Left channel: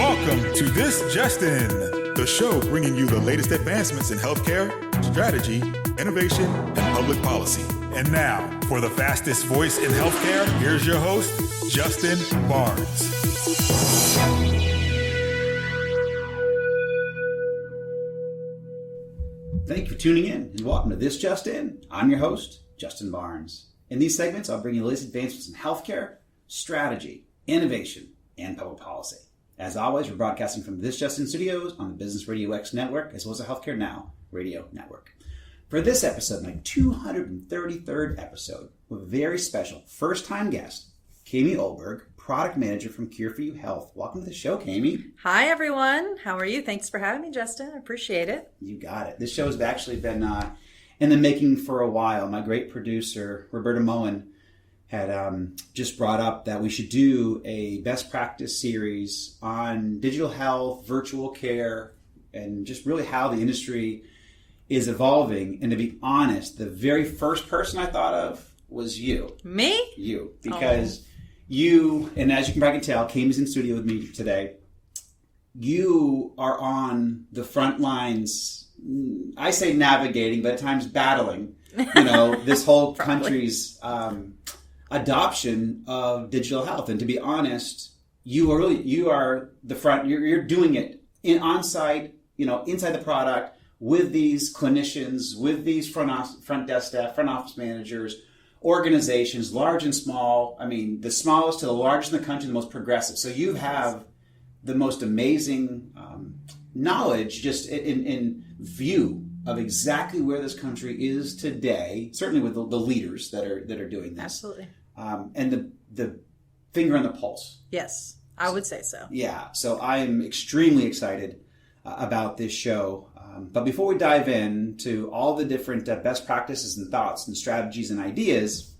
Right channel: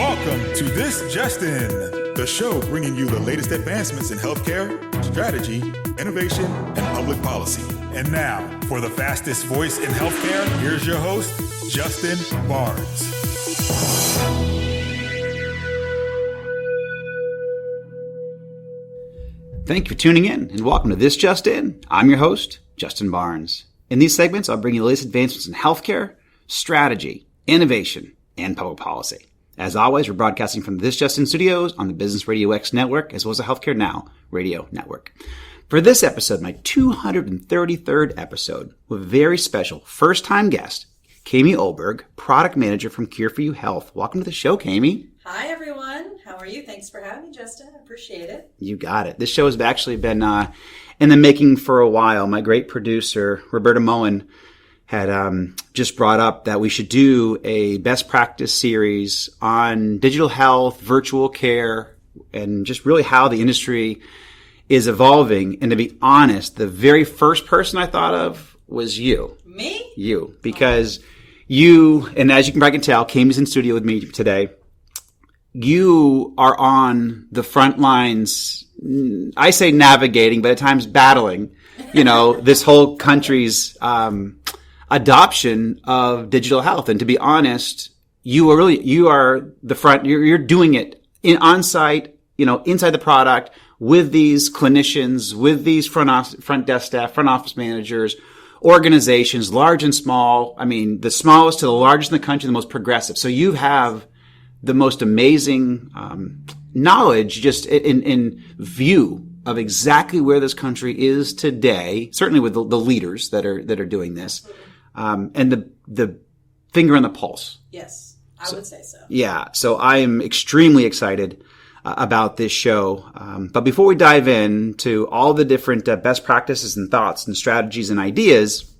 Welcome to This Just In, the show bringing you the latest advancements in healthcare, strategy, innovation, and public policy. And now, for the fastest voice in healthcare, here's your host, Justin Barnes. Thank you for tuning in, and welcome to This Just In. I'm your host, Justin Barnes. In these segments, I'll bring you the latest advancements in healthcare, strategy, innovation, and public policy. As always, we're broadcasting from the This Just In studios on the Business Radio X network, as well as the Healthcare Now radio network. For this episode, my 233rd episode, with a very special first-time guest, Kayme Oelberg, product manager from Cure4You Health. Welcome to the show, Kayme. Hi, everyone. How are you? Thanks for having me, Justin. I appreciate it. You got it. This show has actually been in the making for a while. My great producer, Roberta Moen, had just brought up that we should do a best practice series on digital health, virtual care, and just really how the industry is evolving. And to be honest, the very first person I thought of was you. Me? You. Because you, and as you can probably tell, Kayme's in studio with me today. You are on the front lines, I say navigating, but at times battling, this whole country's adoption of digital health. And to be honest, you are the front, you're doing it on site, inside the product with these clinicians, with these front desk staff, front office managers, organizations, large and small. I mean, the smallest to the largest in the country, the most progressive. So you have the most amazing knowledge just in view of exactly where this country is today, certainly with the leaders that are doing this. Absolutely. And the finger on the pulse. Yes, I would say so. Yeah, so I am extremely excited about this show. But before we dive into all the different best practices and thoughts and strategies and ideas,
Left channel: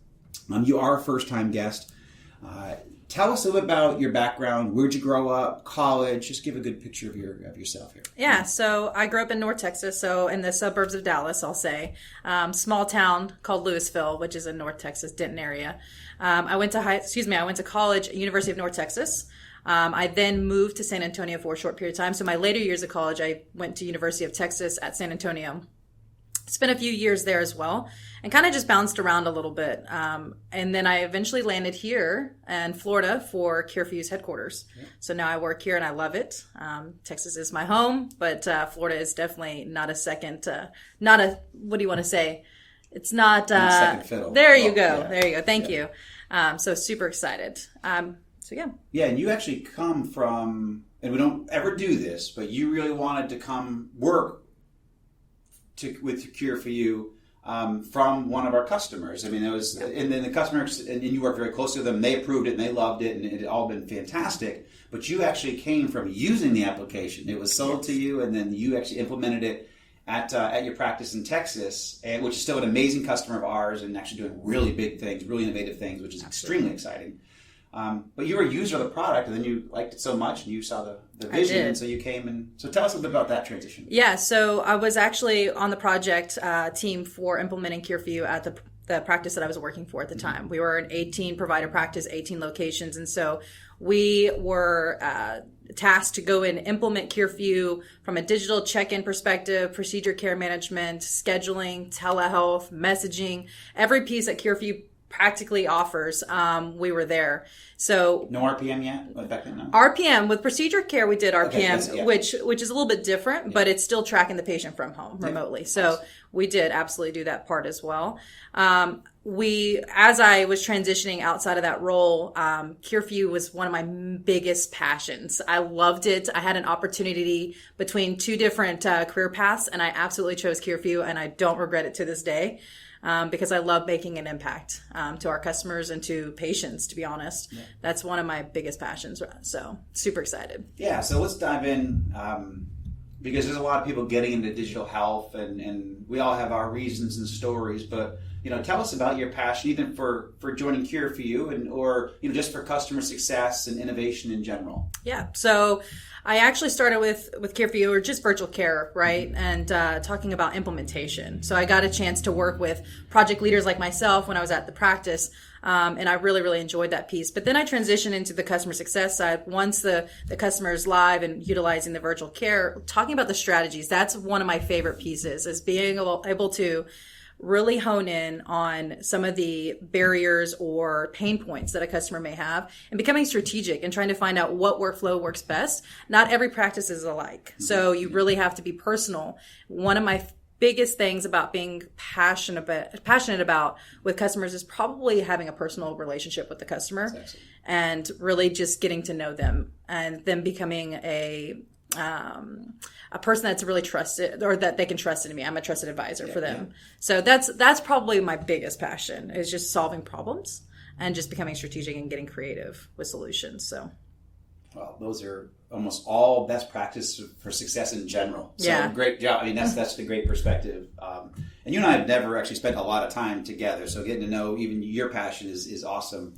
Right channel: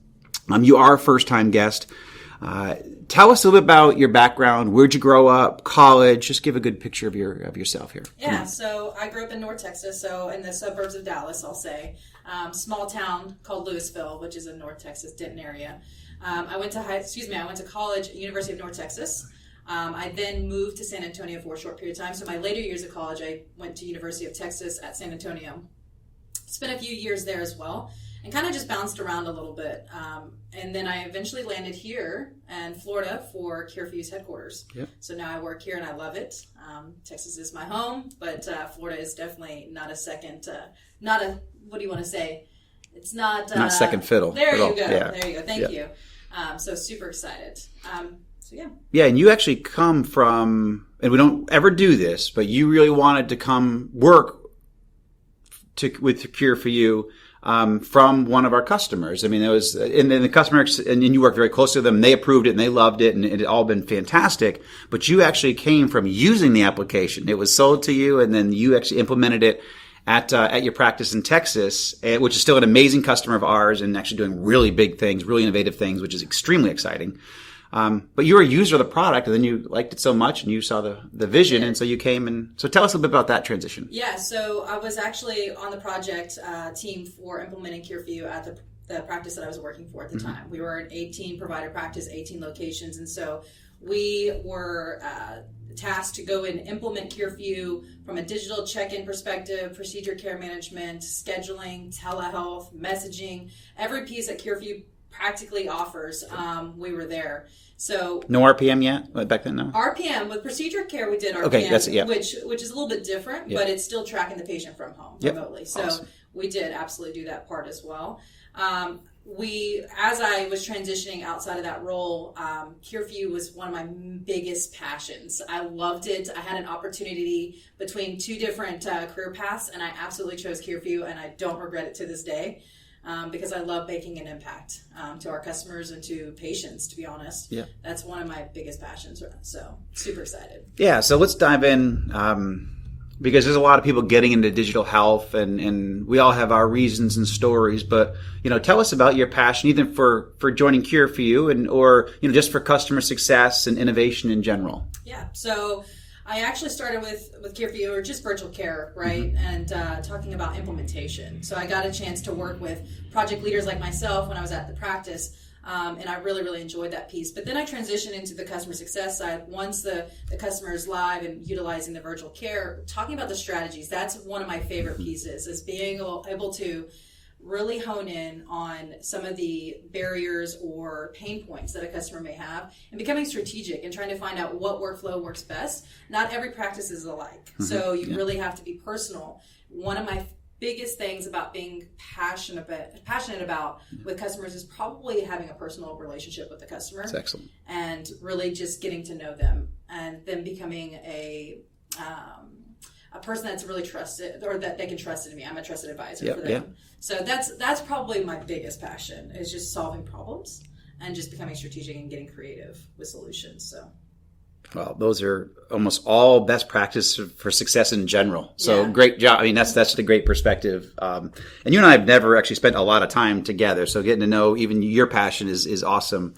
you are a first-time guest. Tell us a little bit about your background. Where'd you grow up? College? Just give a good picture of yourself here. Yeah, so I grew up in North Texas, so in the suburbs of Dallas, I'll say. Small town called Louisville, which is in North Texas, Denton area. I went to college at University of North Texas. I then moved to San Antonio for a short period of time. So my later years of college, I went to University of Texas at San Antonio. Spent a few years there as well, and kind of just bounced around a little bit. And then I eventually landed here in Florida for Cure4You's headquarters. Yep. So now I work here and I love it. Texas is my home, but Florida is definitely not a second, what do you want to say? It's not second fiddle. There you go. Yeah. There you go. Thank you. So super excited. Yeah, and you actually come from, and we don't ever do this, but you really wanted to come work with Cure4You from one of our customers. I mean, it was in the customer, and you worked very close to them, and they approved it, and they loved it, and it had all been fantastic. But you actually came from using the application. It was sold to you, and then you actually implemented it at your practice in Texas, which is still an amazing customer of ours, and actually doing really big things, really innovative things, which is extremely exciting. But you were a user of the product, and then you liked it so much, and you saw the vision, and so you came. And so tell us a little bit about that transition. Yeah, so I was actually on the project team for implementing Cure4You at the practice that I was working for at the time. We were an 18 provider practice, 18 locations, and so we were tasked to go and implement Cure4You from a digital check-in perspective, procedure care management, scheduling, telehealth, messaging, every piece that Cure4You practically offers. We were there. So no RPM yet? Back then, no? RPM, with procedure care, we did RPM, okay, which is a little bit different, but it's still tracking the patient from home remotely. So awesome. We did absolutely do that part as well. As I was transitioning outside of that role, Cure4You was one of my biggest passions. I loved it. I had an opportunity between two different career paths, and I absolutely chose Cure4You, and I don't regret it to this day. Because I love making an impact to our customers and to patients, to be honest. Yeah. That's one of my biggest passions. So super excited. Yeah, so let's dive in because there's a lot of people getting into digital health and we all have our reasons and stories. But, tell us about your passion either for joining Cure4You or just for customer success and innovation in general. Yeah, so I actually started with Cure4You, or just virtual care, right? And talking about implementation. So I got a chance to work with project leaders like myself when I was at the practice And I really, really enjoyed that piece. But then I transitioned into the customer success side. Once the customer is live and utilizing the virtual care, talking about the strategies, that's one of my favorite pieces, is being able to really hone in on some of the barriers or pain points that a customer may have and becoming strategic and trying to find out what workflow works best. Not every practice is alike. Mm-hmm. So you really have to be personal. One of my biggest things about being passionate about with customers is probably having a personal relationship with the customer. That's excellent. And really just getting to know them and them becoming a person that's really trusted, or that they can trust in me. I'm a trusted advisor for them. So that's probably my biggest passion, is just solving problems and just becoming strategic and getting creative with solutions. So, well, those are almost all best practice for success in general. So great job. I mean, that's a great perspective. And you and I have never actually spent a lot of time together. So getting to know even your passion is awesome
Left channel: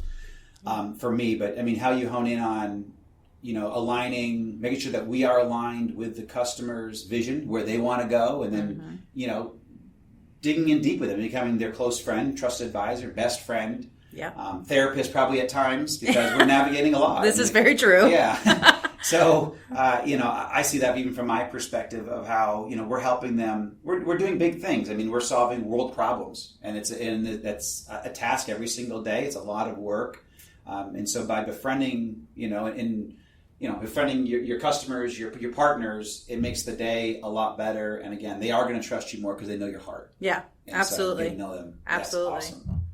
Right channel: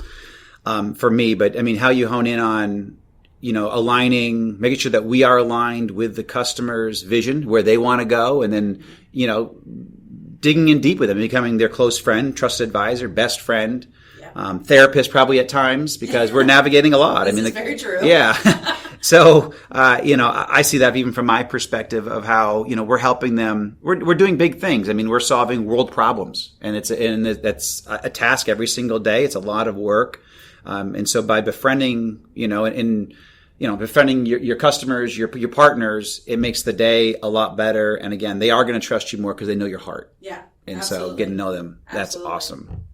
for me. But I mean, how you hone in on, aligning, making sure that we are aligned with the customer's vision, where they want to go, and then, digging in deep with them, becoming their close friend, trusted advisor, best friend, therapist probably at times, because we're navigating a lot. This is very true. Yeah. So, I see that even from my perspective of how, we're helping them. We're doing big things. I mean, we're solving world problems, and that's a task every single day. It's a lot of work. And so by befriending, befriending your customers, your partners, it makes the day a lot better. And again, they are going to trust you more because they know your heart. Yeah, and absolutely. So getting to know them, absolutely. That's awesome.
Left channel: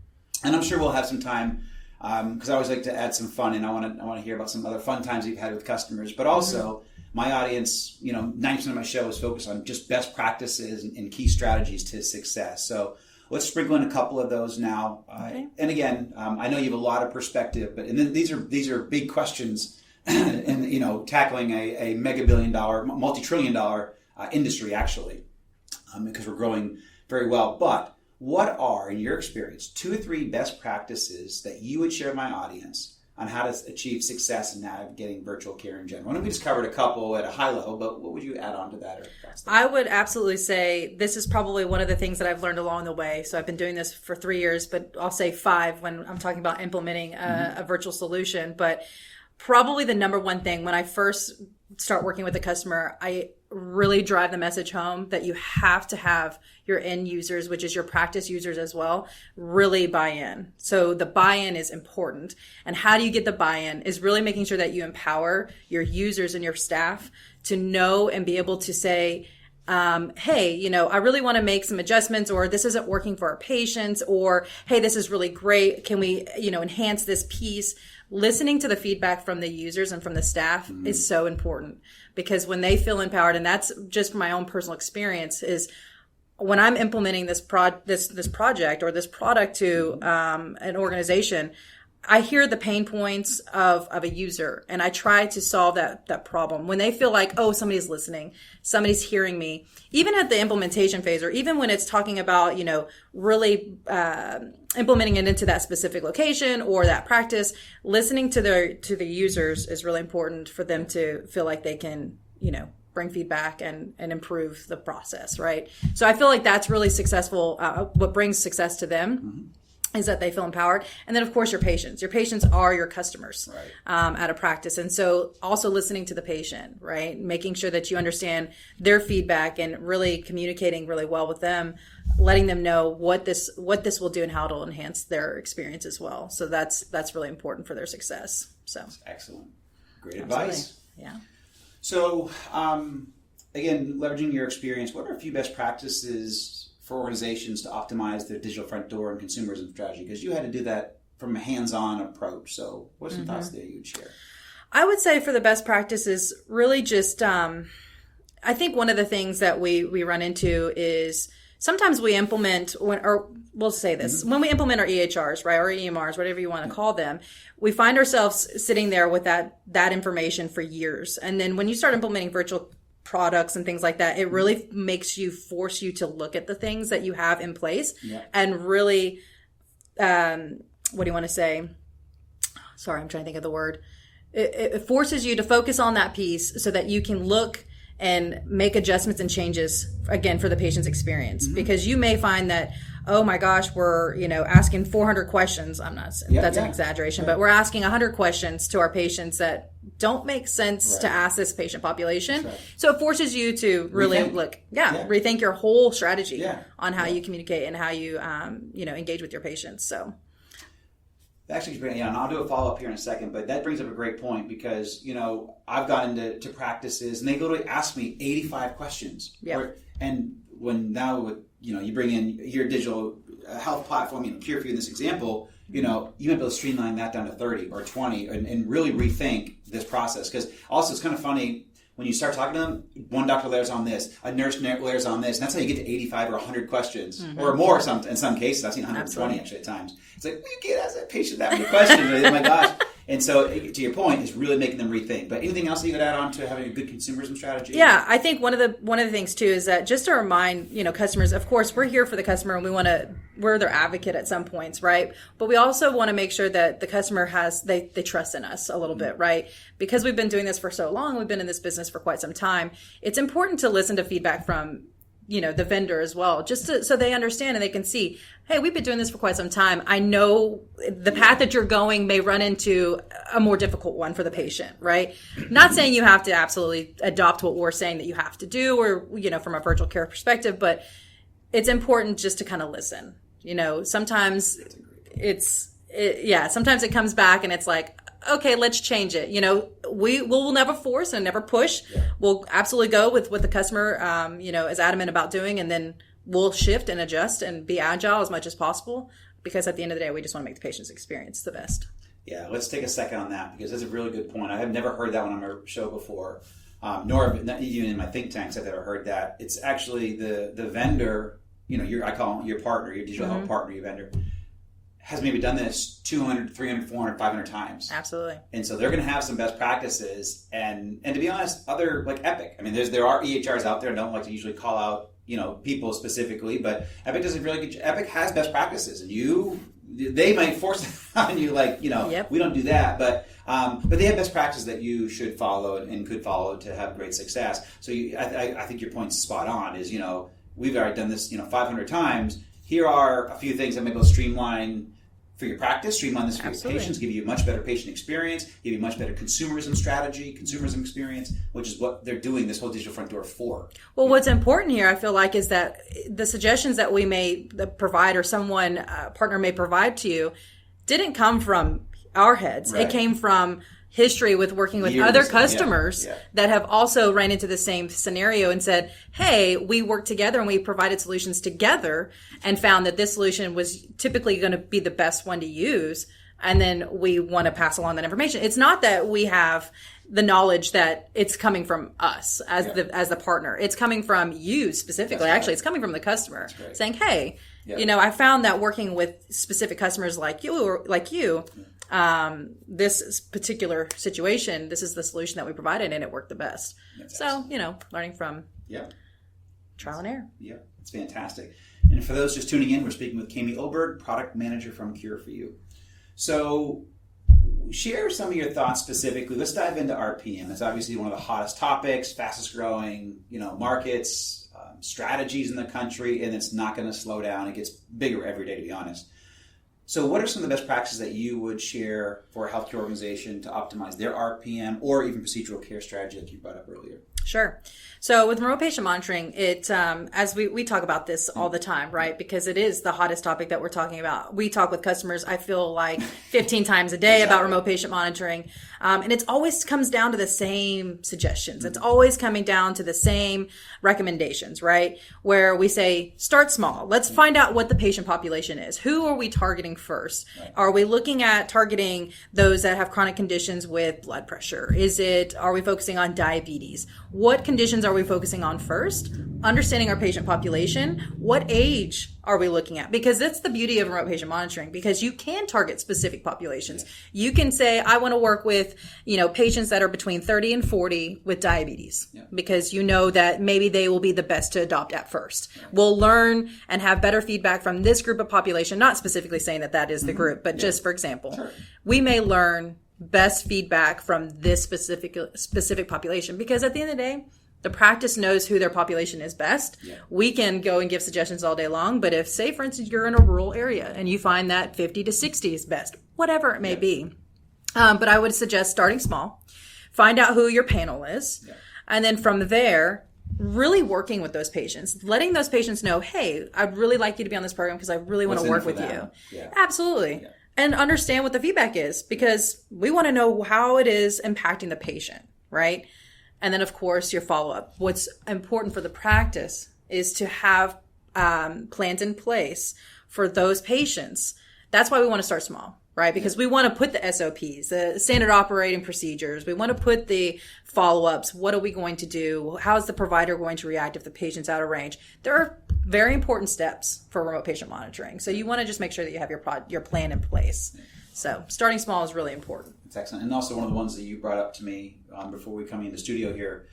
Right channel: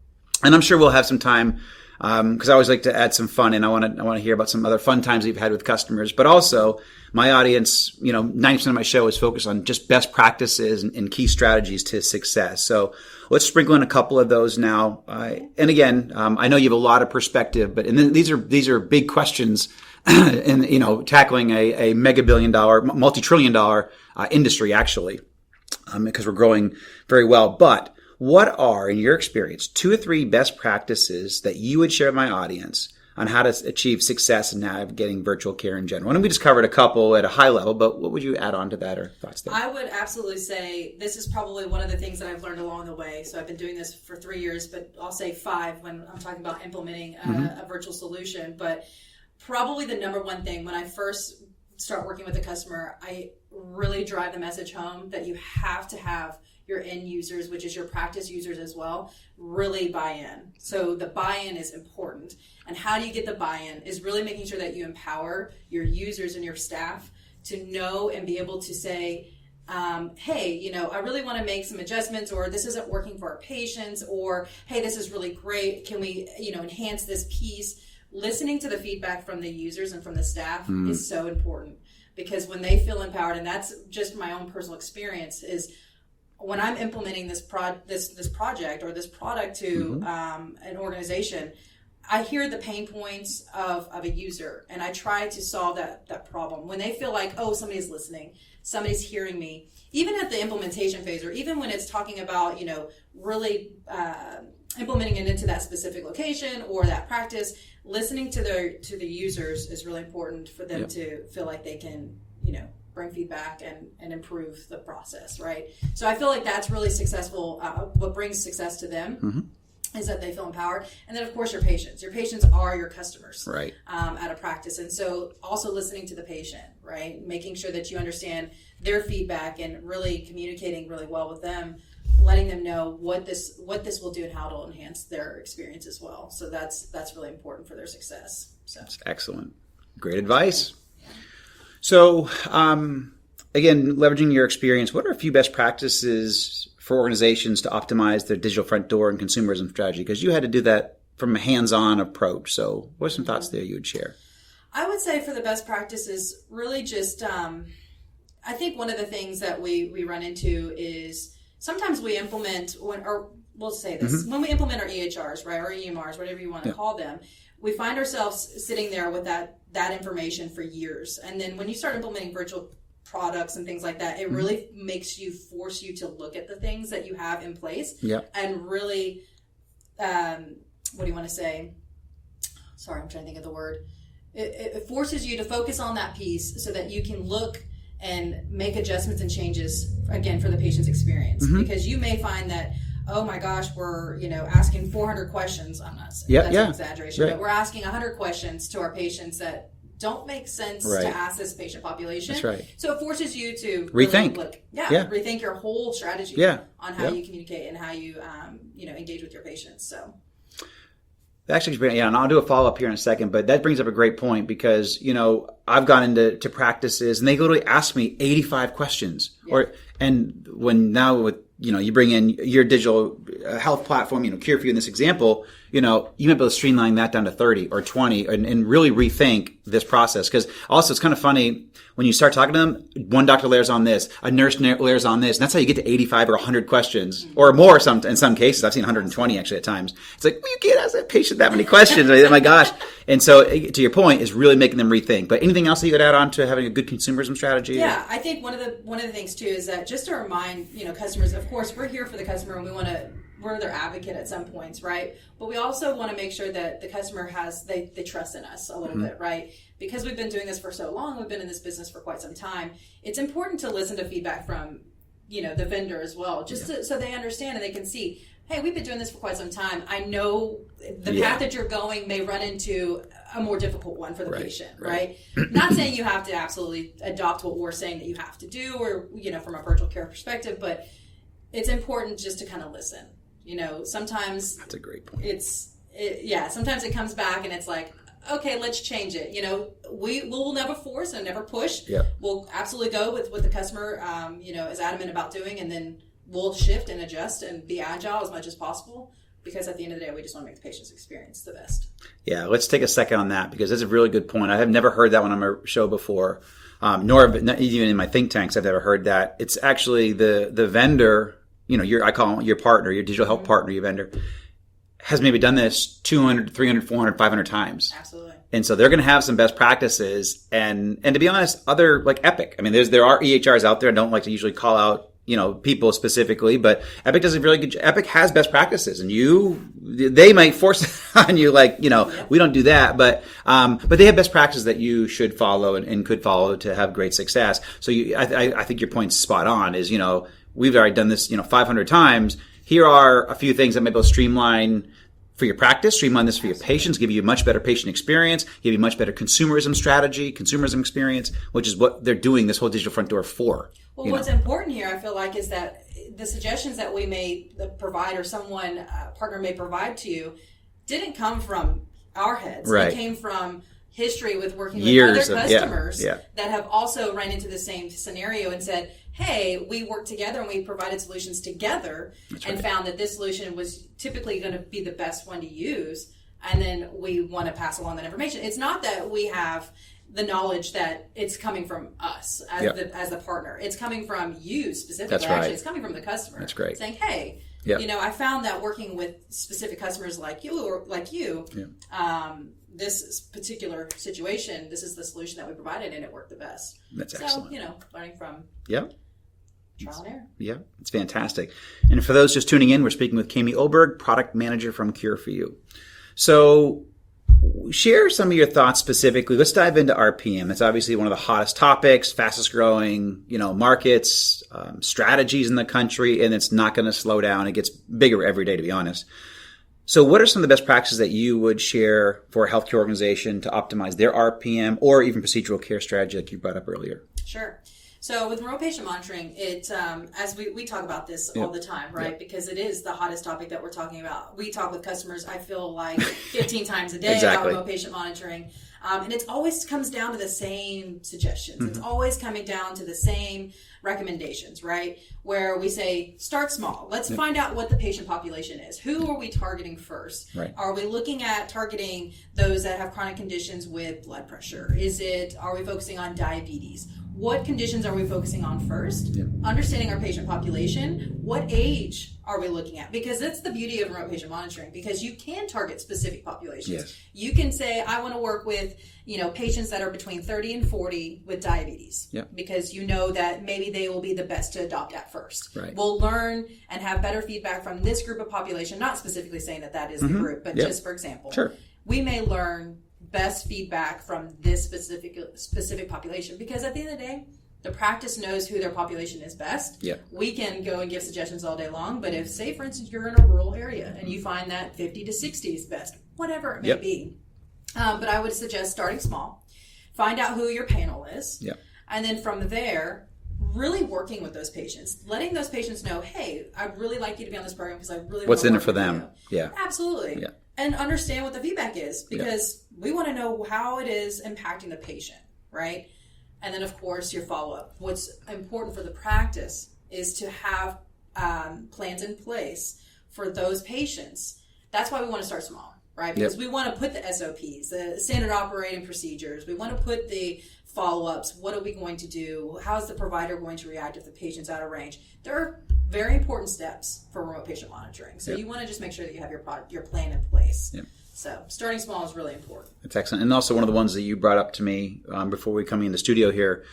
And I'm sure we'll have some time, because I always like to add some fun, and I want to hear about some other fun times you've had with customers. But also, my audience, 90% of my show is focused on just best practices and key strategies to success. So let's sprinkle in a couple of those now. And again, I know you have a lot of perspective, but then these are big questions, and tackling a mega billion-dollar, multi-trillion-dollar industry, actually, because we're growing very well. But what are, in your experience, 2 or 3 best practices that you would share with my audience on how to achieve success in navigating virtual care in general? And we just covered a couple at a high level, but what would you add on to that, or thoughts there? I would absolutely say this is probably one of the things that I've learned along the way. So I've been doing this for 3 years, but I'll say 5 when I'm talking about implementing a virtual solution. But probably the number one thing when I first start working with a customer, I really drive the message home that you have to have your end users, which is your practice users as well, really buy in. So the buy-in is important. And how do you get the buy-in is really making sure that you empower your users and your staff to know and be able to say, hey, I really want to make some adjustments, or this isn't working for our patients, or, hey, this is really great. Can we, enhance this piece? Listening to the feedback from the users and from the staff is so important, because when they feel empowered, and that's just my own personal experience, is when I'm implementing this project or this product to an organization, I hear the pain points of a user, and I try to solve that problem. When they feel like, oh, somebody's listening, somebody's hearing me, even at the implementation phase, or even when it's talking about, really implementing it into that specific location or that practice, listening to the users is really important for them to feel like they can, bring feedback and improve the process, right? So I feel like that's really successful. What brings success to them is that they feel empowered. And then, of course, your patients. Your patients are your customers, right? At a practice. And so also listening to the patient, right? Making sure that you understand their feedback and really communicating really well with them, letting them know what this will do and how it'll enhance their experience as well. So that's really important for their success. So that's excellent. Great advice. Yeah. So, again, leveraging your experience, what are a few best practices for organizations to optimize their digital front door and consumerism strategy? Because you had to do that from a hands-on approach. So what are some thoughts there you would share? I would say for the best practices, really just, I think one of the things that we run into is sometimes we implement, or we'll say this, when we implement our EHRs, right, or EMRs, whatever you want to call them, we find ourselves sitting there with that information for years. And then when you start implementing virtual products and things like that, it really force you to look at the things that you have in place and really, what do you want to say? Sorry, I'm trying to think of the word. It forces you to focus on that piece so that you can look and make adjustments and changes, again, for the patient's experience. Because you may find that, oh my gosh, we're, asking 400 questions. That's an exaggeration, but we're asking 100 questions to our patients that don't make sense to ask this patient population. That's right. So it forces you to really rethink your whole strategy on how you communicate and how you, engage with your patients. So. Actually, and I'll do a follow-up here in a second, but that brings up a great point because, I've gone into practices and they literally ask me 85 questions. And when now with, you bring in your digital health platform, Cure for You in this example, you might be able to streamline that down to 30 or 20 and really rethink this process. Because also it's kind of funny when you start talking to them, one doctor layers on this, a nurse layers on this, and that's how you get to 85 or 100 questions or more in some cases. I've seen 120 actually at times. It's like, well, you can't ask that patient that many questions. Oh my gosh. And so to your point is really making them rethink. But anything else that you could add on to having a good consumerism strategy? Yeah, I think one of the things too is that just to remind, customers, of course, we're here for the customer and we're their advocate at some points, right? But we also want to make sure that the customer they trust in us a little bit, right? Because we've been doing this for so long, we've been in this business for quite some time. It's important to listen to feedback from, the vendor as well, so they understand and they can see, hey, we've been doing this for quite some time. I know the path that you're going may run into a more difficult one for the patient, right? Not saying you have to absolutely adopt what we're saying that you have to do or, from a virtual care perspective, but it's important just to kind of listen. Sometimes that's a great point. Sometimes it comes back and it's like, okay, let's change it. We'll never force and never push. Yeah. We'll absolutely go with what the customer, is adamant about doing, and then we'll shift and adjust and be agile as much as possible. Because at the end of the day, we just want to make the patient's experience the best. Yeah, let's take a second on that because that's a really good point. I have never heard that one on my show before, nor not even in my think tanks I've ever heard that. It's actually the vendor. I call them your partner, your digital health partner, your vendor, has maybe done this 200, 300, 400, 500 times. Absolutely. And so they're going to have some best practices. And to be honest, other like Epic. I mean, there are EHRs out there. I don't like to usually call out, people specifically, but Epic does a really good job. Epic has best practices and they might force it on you like, we don't do that, but they have best practices that you should follow and could follow to have great success. So I think your point's spot on is, we've already done this, 500 times. Here are a few things that may be able to streamline for your practice, streamline this for your patients, give you a much better patient experience, give you much better consumerism experience, which is what they're doing this whole digital front door for. Well, what's important here, I feel like, is that the suggestions that we may provide or someone, partner may provide to you, didn't come from our heads. Right. It came from history with working with Years other customers yeah. that have also ran into the same scenario and said, hey, we worked together and we provided solutions together and found that this solution was typically going to be the best one to use. And then we want to pass along that information. It's not that we have the knowledge that it's coming from us as the partner. It's coming from you specifically. That's right. Actually, it's coming from the customer. That's great. Saying, hey, I found that working with specific customers like you, this particular situation, this is the solution that we provided and it worked the best. That's so, excellent. Learning from trial and error. Yeah, it's fantastic. And for those just tuning in, we're speaking with Kayme Oelberg, product manager from Cure for You. So share some of your thoughts specifically. Let's dive into RPM. That's obviously one of the hottest topics, fastest growing, markets, strategies in the country, and it's not going to slow down. It gets bigger every day, to be honest. So what are some of the best practices that you would share for a healthcare organization to optimize their RPM or even procedural care strategy like you brought up earlier? Sure. So with remote patient monitoring, it as we talk about this all the time, right? Because it is the hottest topic that we're talking about. We talk with customers, I feel like 15 times a day about remote patient monitoring. And it always comes down to the same suggestions. It's always coming down to the same recommendations, right? Where we say, start small. Let's find out what the patient population is. Who are we targeting first? Right. Are we looking at targeting those that have chronic conditions with blood pressure? Are we focusing on diabetes? What conditions are we focusing on first? Understanding our patient population. What age are we looking at? Because that's the beauty of remote patient monitoring, because you can target specific populations. Yes. You can say, I want to work with, patients that are between 30 and 40 with diabetes, because you know that maybe they will be the best to adopt at first. Right. We'll learn and have better feedback from this group of population, not specifically saying that is the group, but just for example, we may learn best feedback from this specific population, because at the end of the day, The practice knows who their population is best. Yeah. We can go and give suggestions all day long, but if, say, for instance, you're in a rural area and you find that 50 to 60 is best, whatever it may be. But I would suggest starting small. Find out who your panel is. Yeah. And then from there, really working with those patients, letting those patients know, hey, I'd really like you to be on this program because I really want to work with you. What's in it for them? Yeah. Absolutely. Yeah. And understand what the feedback is, because we want to know how it is impacting the patient, right? And then, of course, your follow-up. What's important for the practice is to have plans in place for those patients. That's why we want to start small, right? Because we want to put the SOPs, the standard operating procedures. We want to put the follow-ups. What are we going to do? How is the provider going to react if the patient's out of range? There are very important steps for remote patient monitoring. So you want to just make sure that you have your plan in place. Yep. So starting small is really important. It's excellent. And also one of the ones that you brought up to me before we come in the studio here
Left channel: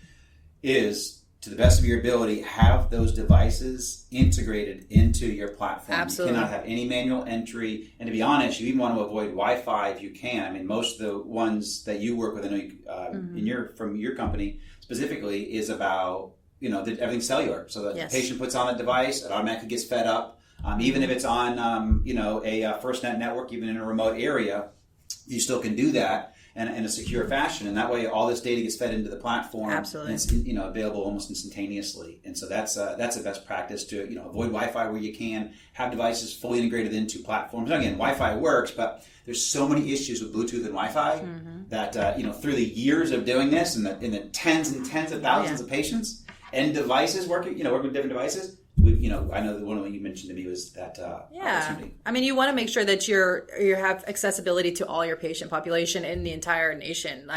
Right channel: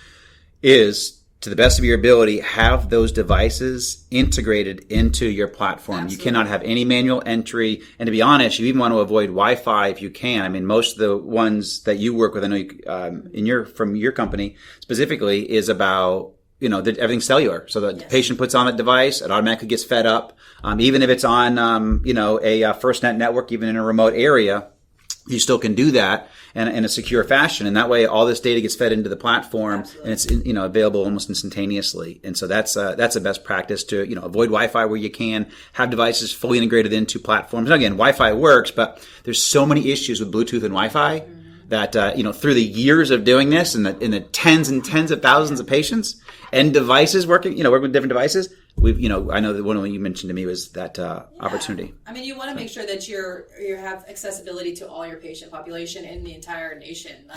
is, to the best of your ability, have those devices integrated into your platform. Absolutely. You cannot have any manual entry. And to be honest, you even want to avoid Wi-Fi if you can. I mean, most of the ones that you work with, I know from your company specifically, is about, everything's cellular. So the patient puts on that device, it automatically gets fed up. Even if it's on, a FirstNet network, even in a remote area, you still can do that in a secure fashion. And that way, all this data gets fed into the platform. Absolutely. And it's, available almost instantaneously. And so that's a best practice to, avoid Wi-Fi where you can, have devices fully integrated into platforms. And again, Wi-Fi works, but there's so many issues with Bluetooth and Wi-Fi that, through the years of doing this and in the tens and tens of thousands of patients and devices working with different devices, I know that one of them you mentioned to me was that opportunity. I mean, you want to make sure that you have accessibility to all your patient population in the entire nation.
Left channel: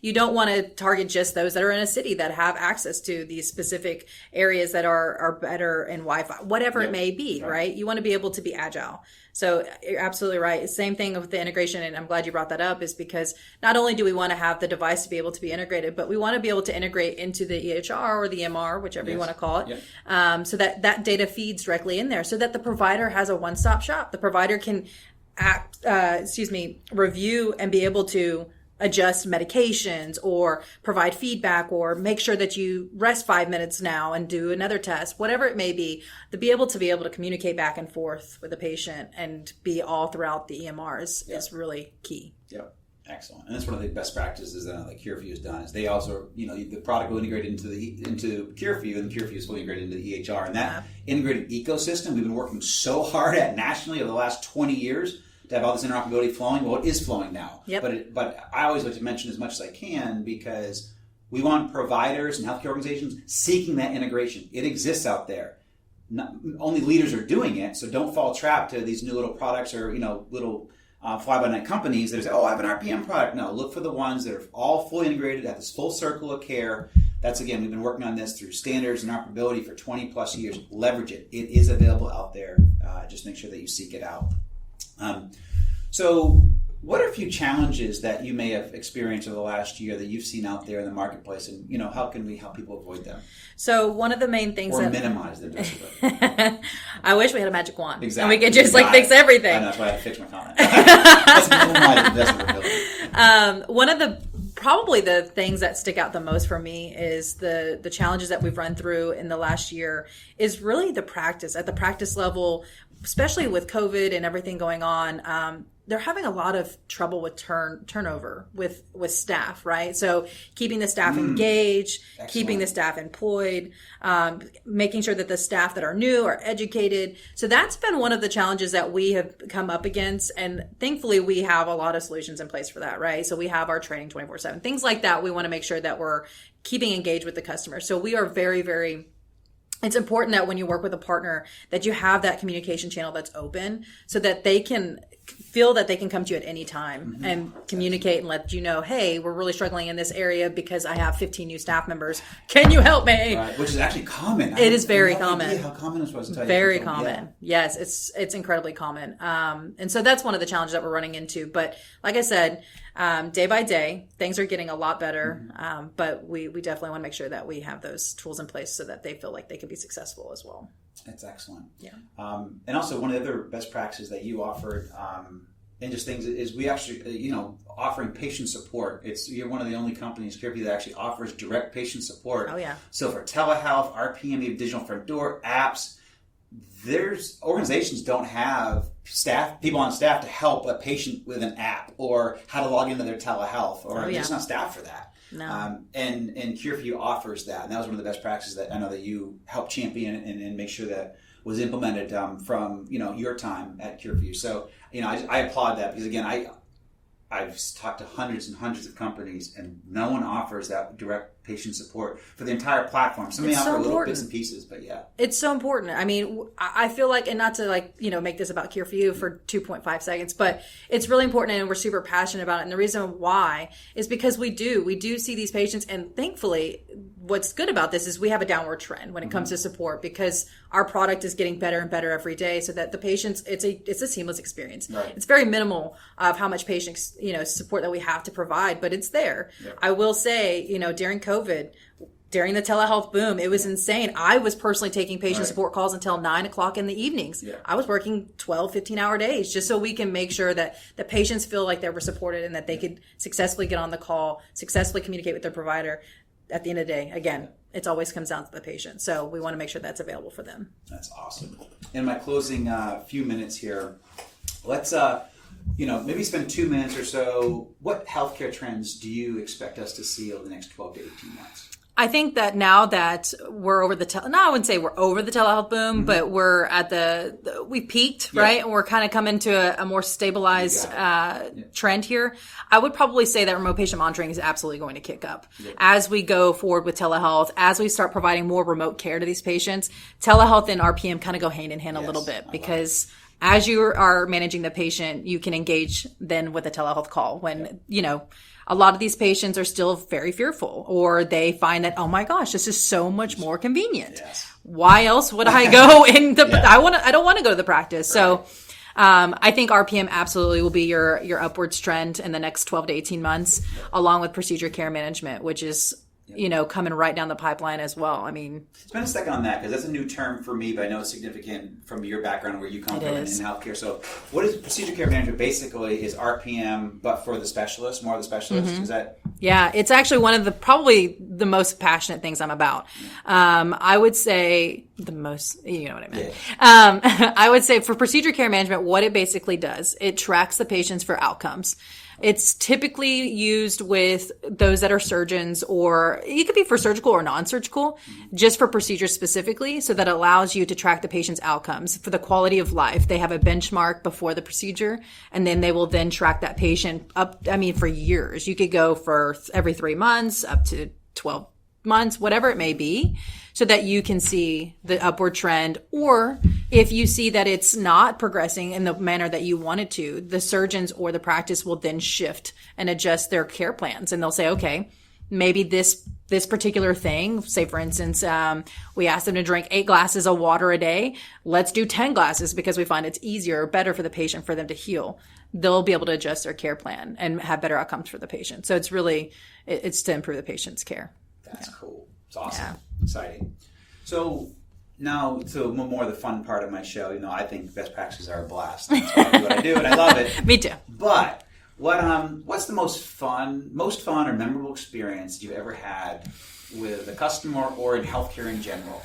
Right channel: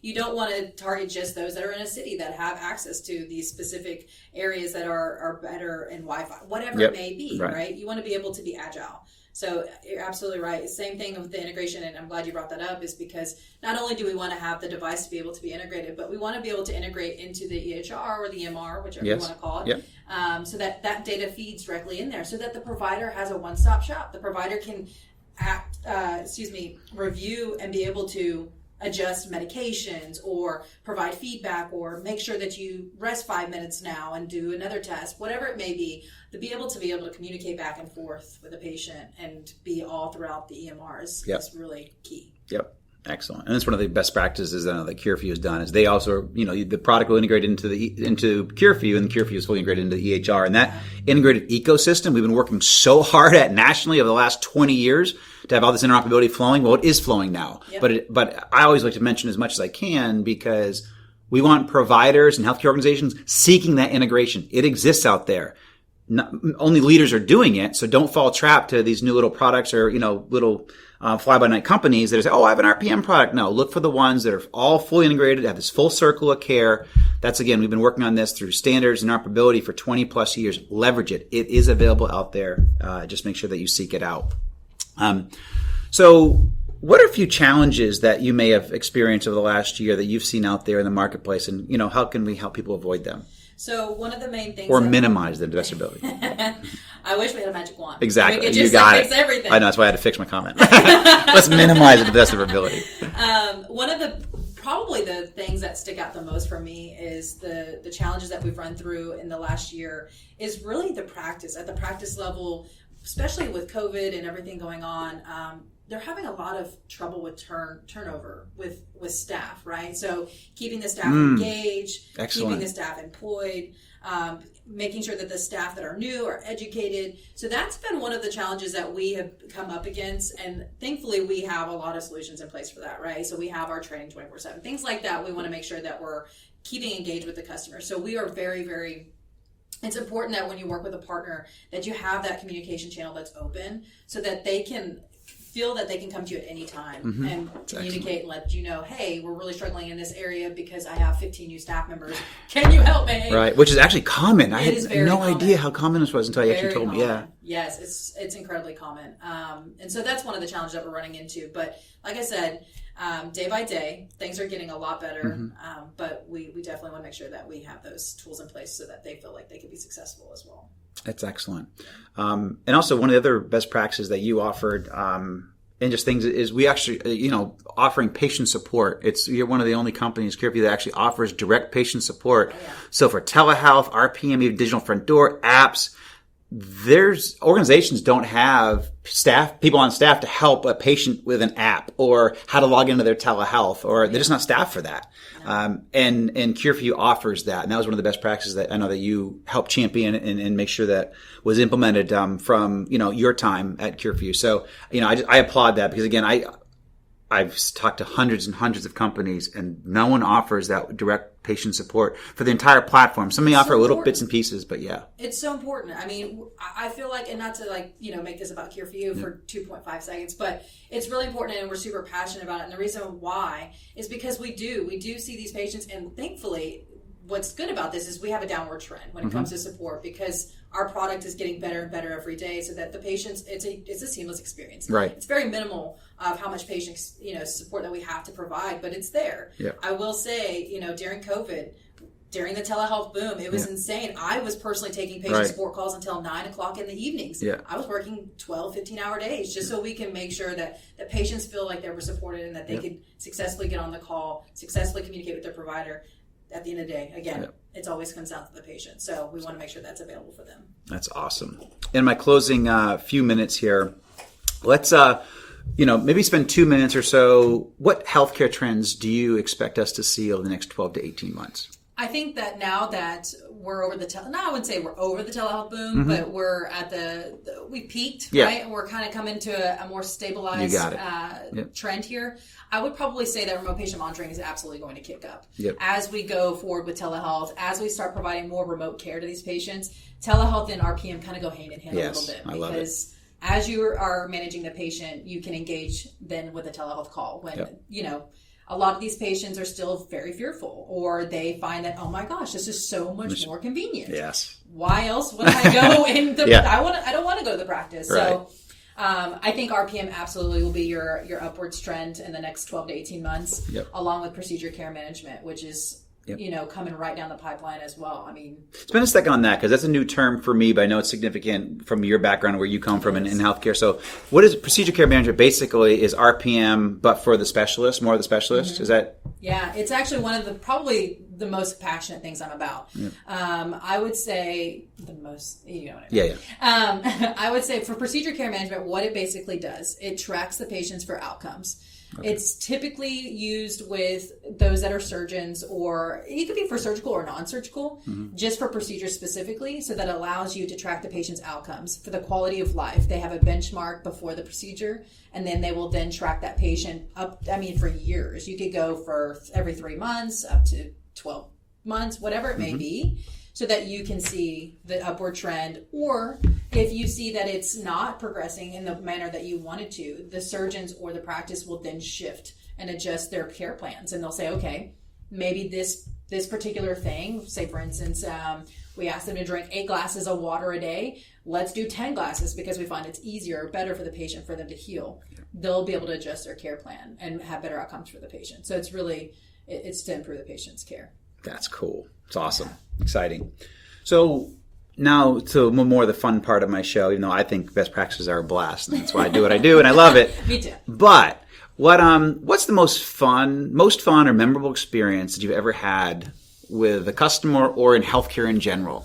You don't want to target just those that are in a city that have access to these specific areas that are better in Wi-Fi, whatever it may be, right? You want to be able to be agile. So you're absolutely right. Same thing with the integration, and I'm glad you brought that up, is because not only do we want to have the device to be able to be integrated, but we want to be able to integrate into the EHR or the EMR, whichever you want to call it, so that data feeds directly in there, so that the provider has a one-stop shop. The provider can review and be able to adjust medications or provide feedback or make sure that you rest 5 minutes now and do another test, whatever it may be, to be able to communicate back and forth with the patient and be all throughout the EMRs is really key. Yep. Excellent. And that's one of the best practices that CureView has done, is they also, the product will integrate into CureView, and the CureView is fully integrated into the EHR. And that integrated ecosystem we've been working so hard at nationally over the last 20 years to have all this interoperability flowing. Well, it is flowing now. Yep. But I always like to mention as much as I can, because we want providers and healthcare organizations seeking that integration. It exists out there. Only leaders are doing it, so don't fall trapped to these new little products or little fly-by-night companies that say, "Oh, I have an RPM product." No, look for the ones that are all fully integrated, have this full circle of care. That's, again, we've been working on this through standards and interoperability for 20 plus years. Leverage it. It is available out there. Just make sure that you seek it out. So what are a few challenges that you may have experienced over the last year that you've seen out there in the marketplace, and how can we help people avoid them? So one of the main things, or minimize the disability. I wish we had a magic wand. Exactly. We could just fix everything. I know, that's why I had to fix my comment. Let's minimize the disability. One of probably the things that stick out the most for me is the challenges that we've run through in the last year is really the practice. At the practice level, especially with COVID and everything going on, they're having a lot of trouble with turnover with staff, right? So keeping the staff engaged, keeping the staff employed, making sure that the staff that are new are educated. So that's been one of the challenges that we have come up against. And thankfully, we have a lot of solutions in place for that, right? So we have our training 24/7, things like that. We want to make sure that we're keeping engaged with the customer. So we are very, very... It's important that when you work with a partner that you have that communication channel that's open so that they can feel that they can come to you at any time and communicate and let you know, hey, we're really struggling in this area because I have 15 new staff members. Can you help me? Right, which is actually common. It is very common. I had no idea how common this was until you actually told me. Yeah. Yes, it's incredibly common. And so that's one of the challenges that we're running into. But like I said, day by day, things are getting a lot better. But we definitely want to make sure that we have those tools in place so that they feel like they can be successful as well. That's excellent. Yeah. And also, one of the other best practices that you offered and just things is we actually, offering patient support. You're one of the only companies, CareView, that actually offers direct patient support. Oh, yeah. So for telehealth, RPM, you have digital front door, apps. There's organizations don't have people on staff to help a patient with an app or how to log into their telehealth, or they're just not staffed for that. No. And CareView offers that, and that was one of the best practices that I know that you helped champion and make sure that was implemented from your time at CareView. So I applaud that, because again I've talked to hundreds and hundreds of companies, and no one offers that direct patient support for the entire platform. Some may offer little bits and pieces, but yeah. It's so important. I mean, I feel like, and not to make this about CareView for 2.5 seconds, but it's really important, and we're super passionate about it. And the reason why is because we do see these patients, and thankfully, what's good about this is we have a downward trend when it comes to support, because our product is getting better and better every day, so that the patients, it's a seamless experience. Right. It's very minimal of how much patient support that we have to provide, but it's there. Yeah. I will say, during COVID, during the telehealth boom, it was insane. I was personally taking patient support calls until 9:00 in the evenings. Yeah. I was working 12, 15-hour days just so we can make sure that the patients feel like they were supported and that they could successfully get on the call, successfully communicate with their provider. At the end of the day, again, it always comes down to the patient. So we want to make sure that's available for them. That's awesome. In my closing few minutes here, let's maybe spend 2 minutes or so. What healthcare trends do you expect us to see over the next 12 to 18 months? I think that now that we're over I wouldn't say we're over the telehealth boom, but we're at we peaked, right? And we're kind of coming to a more stabilized trend here. I would probably say that remote patient monitoring is absolutely going to kick up. As we go forward with telehealth, as we start providing more remote care to these patients, telehealth and RPM kind of go hand in hand a little bit, because as you are managing the patient, you can engage then with a telehealth call when, a lot of these patients are still very fearful, or they find that, oh my gosh, this is so much more convenient. Yes. Why else would I go in I don't want to go to the practice. Right. So I think RPM absolutely will be your upwards trend in the next 12 to 18 months, along with procedure care management, which is coming right down the pipeline as well. I mean, spend a second on that, because that's a new term for me, but I know it's significant from your background, where you come from in healthcare. So what is procedure care management? Basically is RPM, but for the specialist, more of the specialist. Is that? Yeah, it's actually one of probably the most passionate things I'm about. I would say the most, you know what I mean? I would say for procedure care management, what it basically does, it tracks the patients for outcomes. It's typically used with those that are surgeons, or it could be for surgical or non-surgical, just for procedures specifically, so that allows you to track the patient's outcomes for the quality of life. They have a benchmark before the procedure, and then they will then track that patient for years. You could go for every 3 months, up to 12 months, whatever it may be, so that you can see the upward trend. Or if you see that it's not progressing in the manner that you want it to, the surgeons or the practice will then shift and adjust their care plans. And they'll say, okay, maybe this particular thing, say for instance, we ask them to drink 8 glasses of water a day. Let's do 10 glasses because we find it's easier or better for the patient for them to heal. They'll be able to adjust their care plan and have better outcomes for the patient. So it's really, it's to improve the patient's care. That's cool. It's awesome. Exciting. So now to more of the fun part of my show. I think best practices are a blast. That's why I do what I do, and I love it. Me too. But what's the most fun or memorable experience that you've ever had with a customer or in healthcare in general?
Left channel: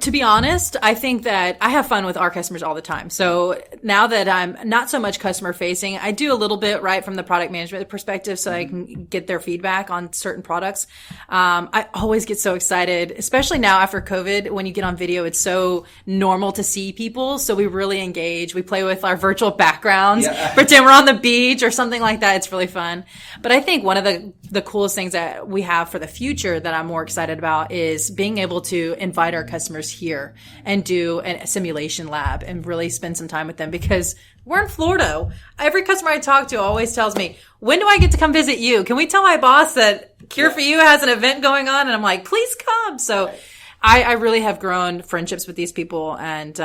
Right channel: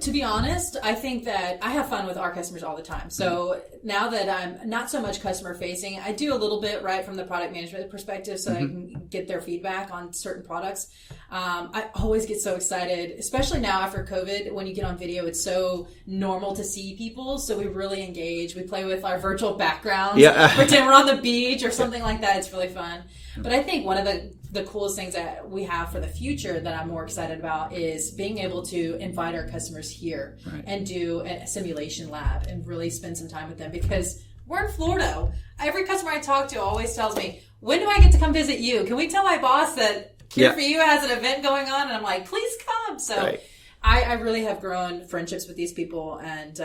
To be honest, I think that I have fun with our customers all the time. So now that I'm not so much customer facing, I do a little bit right from the product management perspective, so I can get their feedback on certain products. I always get so excited, especially now after COVID, when you get on video, it's so normal to see people. So we really engage. We play with our virtual backgrounds, pretend we're on the beach or something like that. It's really fun. But I think one of the coolest things that we have for the future that I'm more excited about is being able to invite our customers here and do a simulation lab and really spend some time with them, because we're in Florida. Every customer I talk to always tells me, when do I get to come visit you? Can we tell my boss that Cure for You has an event going on? And I'm like, please come. So I really have grown friendships with these people, and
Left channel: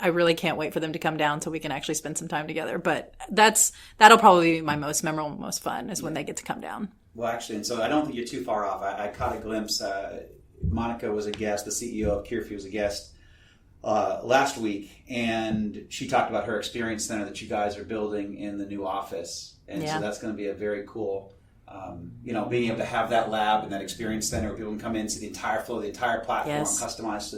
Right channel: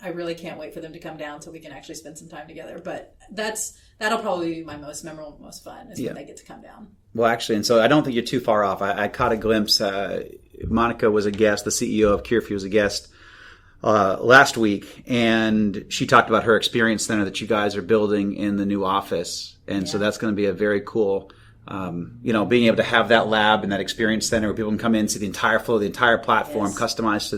I really can't wait for them to come down so we can actually spend some time together. But that'll probably be my most memorable, most fun, is when they get to come down. Well, actually, and so I don't think you're too far off. I caught a glimpse. Monica was a guest. The CEO of CareView was a guest last week, and she talked about her experience center that you guys are building in the new office. And so that's going to be a very cool, being able to have that lab and that experience center where people can come in, see the entire flow, the entire platform, customized to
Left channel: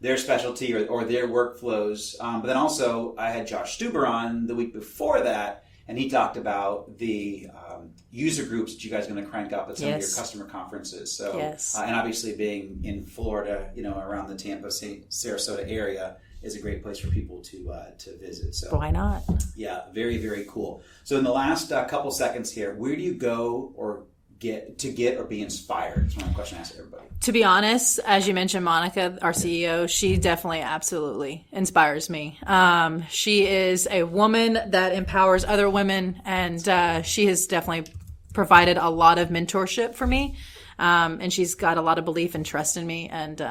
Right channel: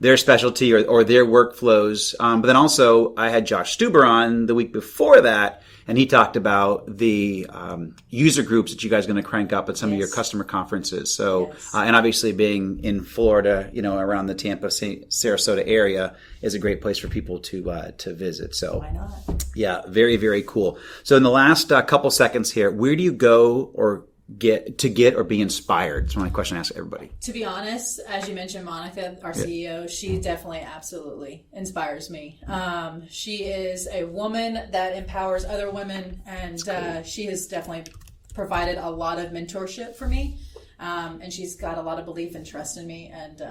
their specialty or their workflows. But then also, I had Josh Stuber on the week before that, and he talked about the user groups that you guys are going to crank up at some of your customer conferences. So, and obviously being in Florida, around the Tampa, Sarasota area is a great place for people to visit. So why not? Yeah, very, very cool. So in the last couple seconds here, where do you go or get or be inspired? That's my question I ask everybody. To be honest, as you mentioned, Monica, our CEO, she definitely absolutely inspires me. She is a woman that empowers other women, and she has definitely provided a lot of mentorship for me, and she's got a lot of belief and trust in me, and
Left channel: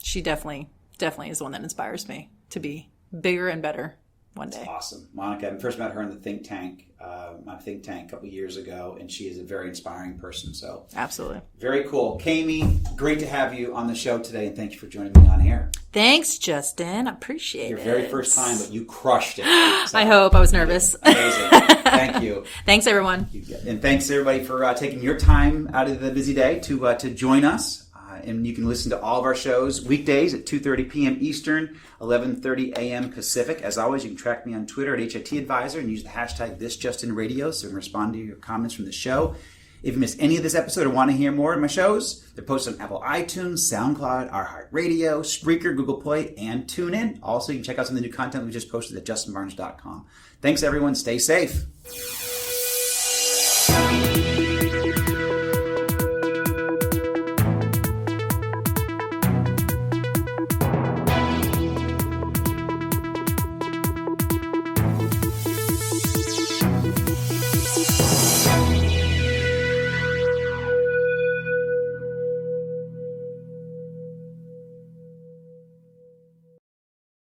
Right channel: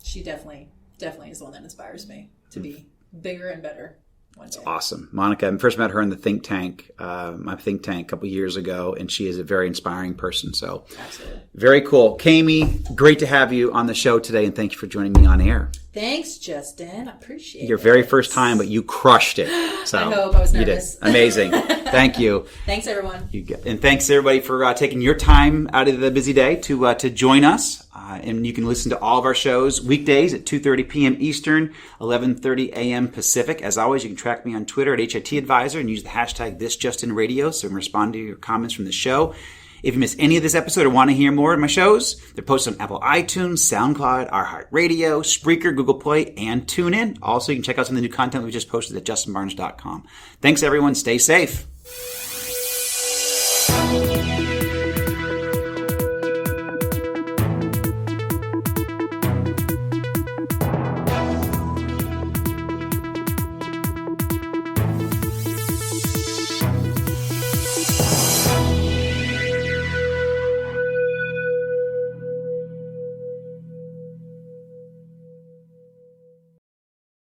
she definitely is the one that inspires me to be bigger and better one day. That's awesome. Monica, I first met her in the think tank, my think tank a couple years ago, and she is a very inspiring person. So absolutely. Very cool. Kayme, great to have you on the show today, and thank you for joining me on air. Thanks, Justin. I appreciate it. Your very first time, but you crushed it. So, I hope. I was nervous. Amazing. Thank you. Thanks, everyone. And thanks, everybody, for taking your time out of the busy day to join us. And you can listen to all of our shows weekdays at 2:30 p.m. Eastern, 11:30 a.m. Pacific. As always, you can track me on Twitter at HIT Advisor and use the hashtag ThisJustinRadio so I can respond to your comments from the show. If you miss any of this episode or want to hear more of my shows, they're posted on Apple iTunes, SoundCloud, iHeartRadio, Spreaker, Google Play, and TuneIn. Also, you can check out some of the new content we just posted at justinbarnes.com. Thanks, everyone. Stay safe.